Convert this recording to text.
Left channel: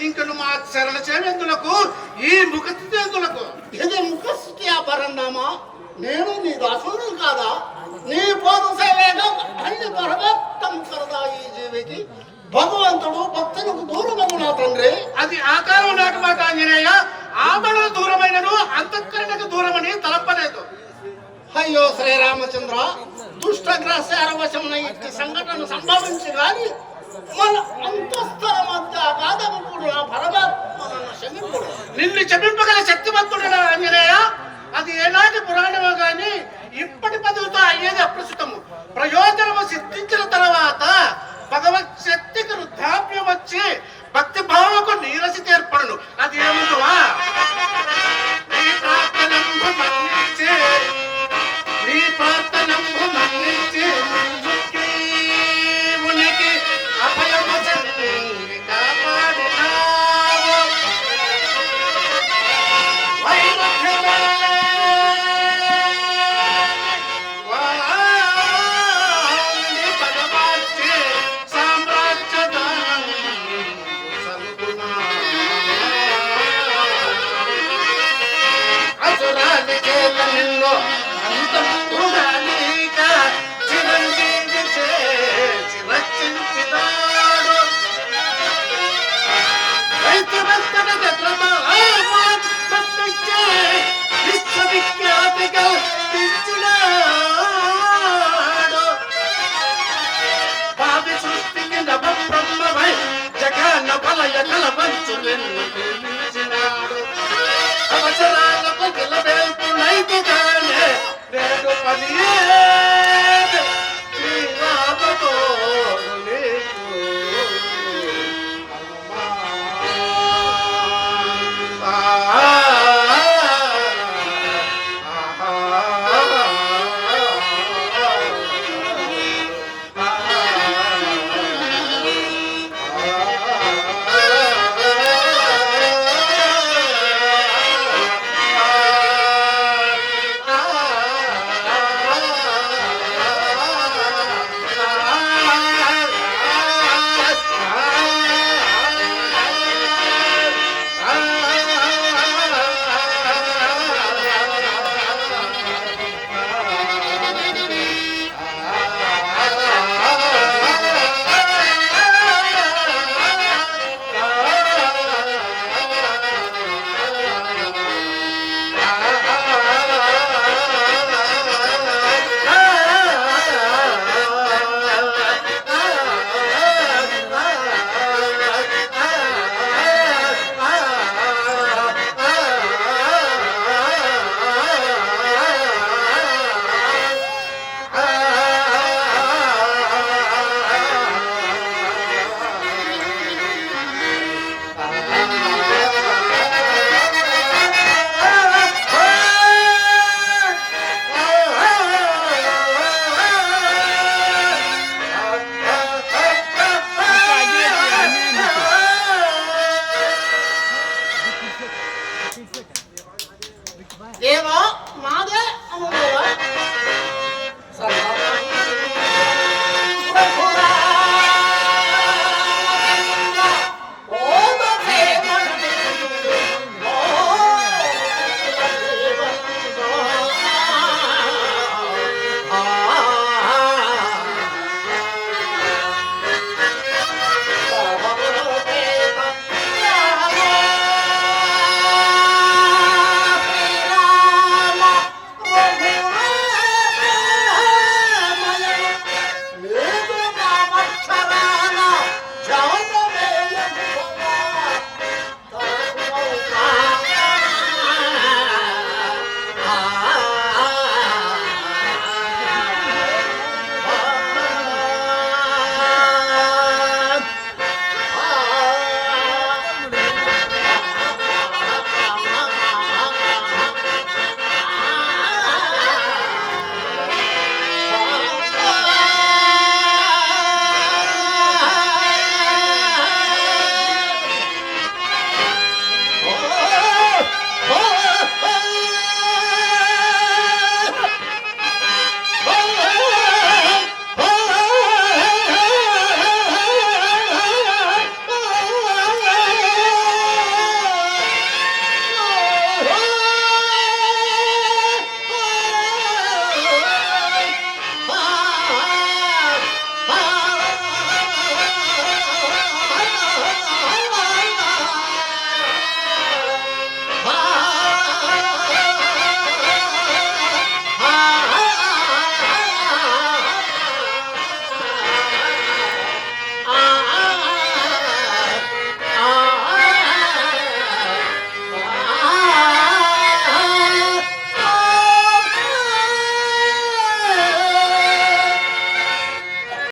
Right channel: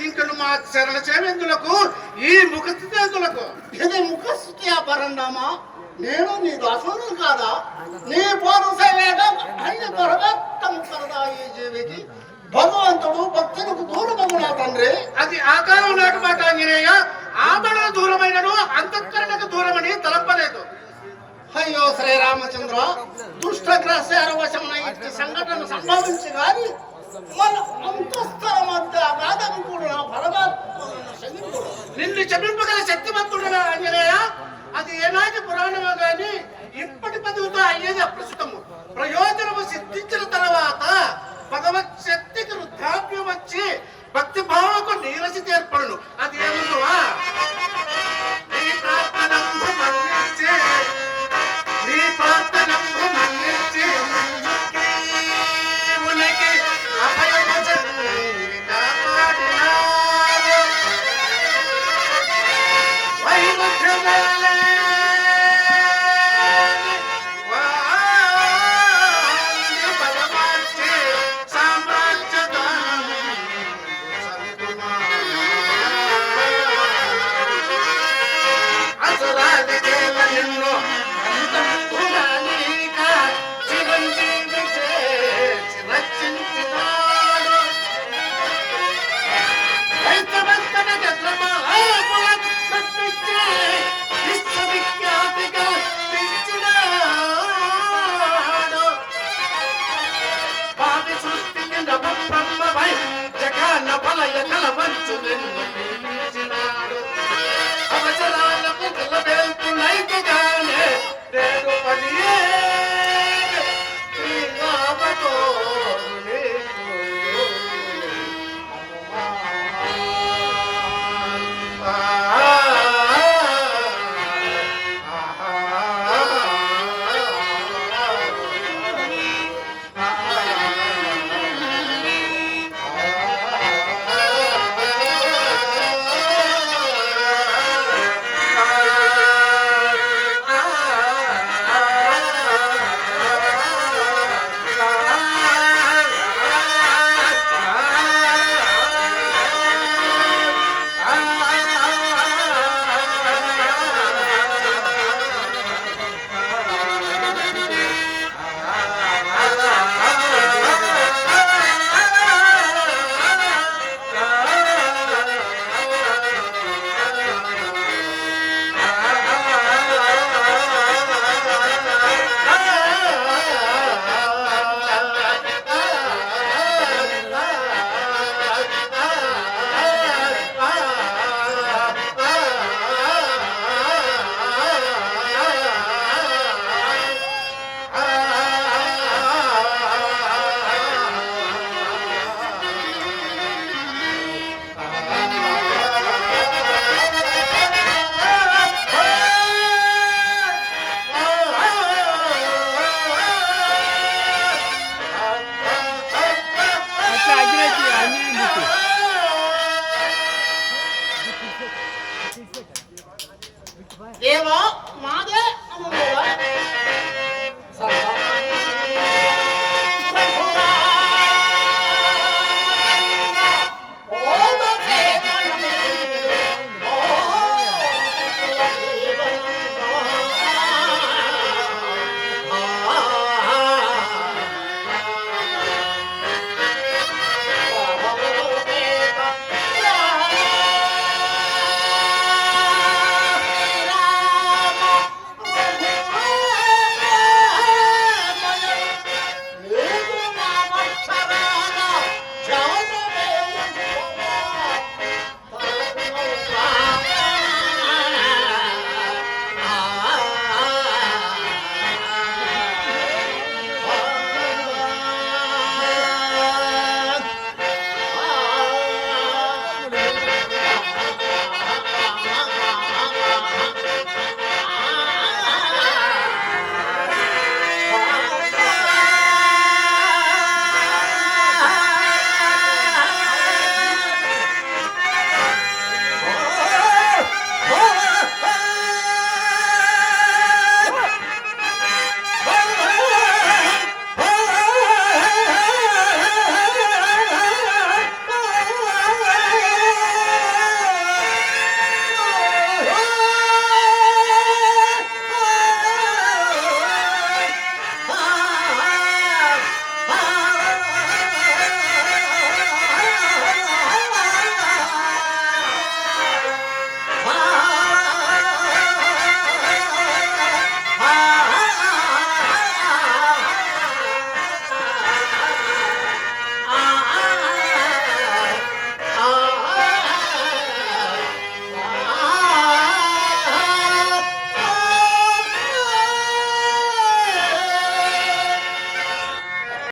ఇంకను మా శరణ సేవేందులకు ఈ ముఖ స్థితేందులకు ఇది ముఖస్థితి పరందామా నేను నీ దాసుడు కాదా? నీ పోరు సేవేగా అన్ని పరమాత్మ కరదా ఈ జీవికి భగవంతుడు భక్తులకు దూరమని నా తండ్రి. అది ఆకారం నాటి మాట ఆంజనేయ. ఆమరణ దూరమైనను అంతఃకరణకు దూరమని తలపలేదు. అయ్యో శ్రీరామచంద్ర దుష్టగ్రహశాల వశమున ఇట్టి సంఘటన సంభవించి గాని మన అంతఃస్థల మధ్య అగాధము పరమాత్మ నిన్ను చెప్పింపగల శక్తివంతుడు ఆంజనేయ అది ఏనాటి పురాణమో గాని ఇప్పటి పదవితో అయ్యేది అప్రస్తుతము. ప్రయోజనము సిద్ధించిన తర్వాత భగవత్ శక్తికి వృద్ధాప్యం వచ్చి భక్తి భావకు నీరసి ఏర్పడను అది అవసరాలకు నిలబెడుతున్నైతే కానీ నేడు పని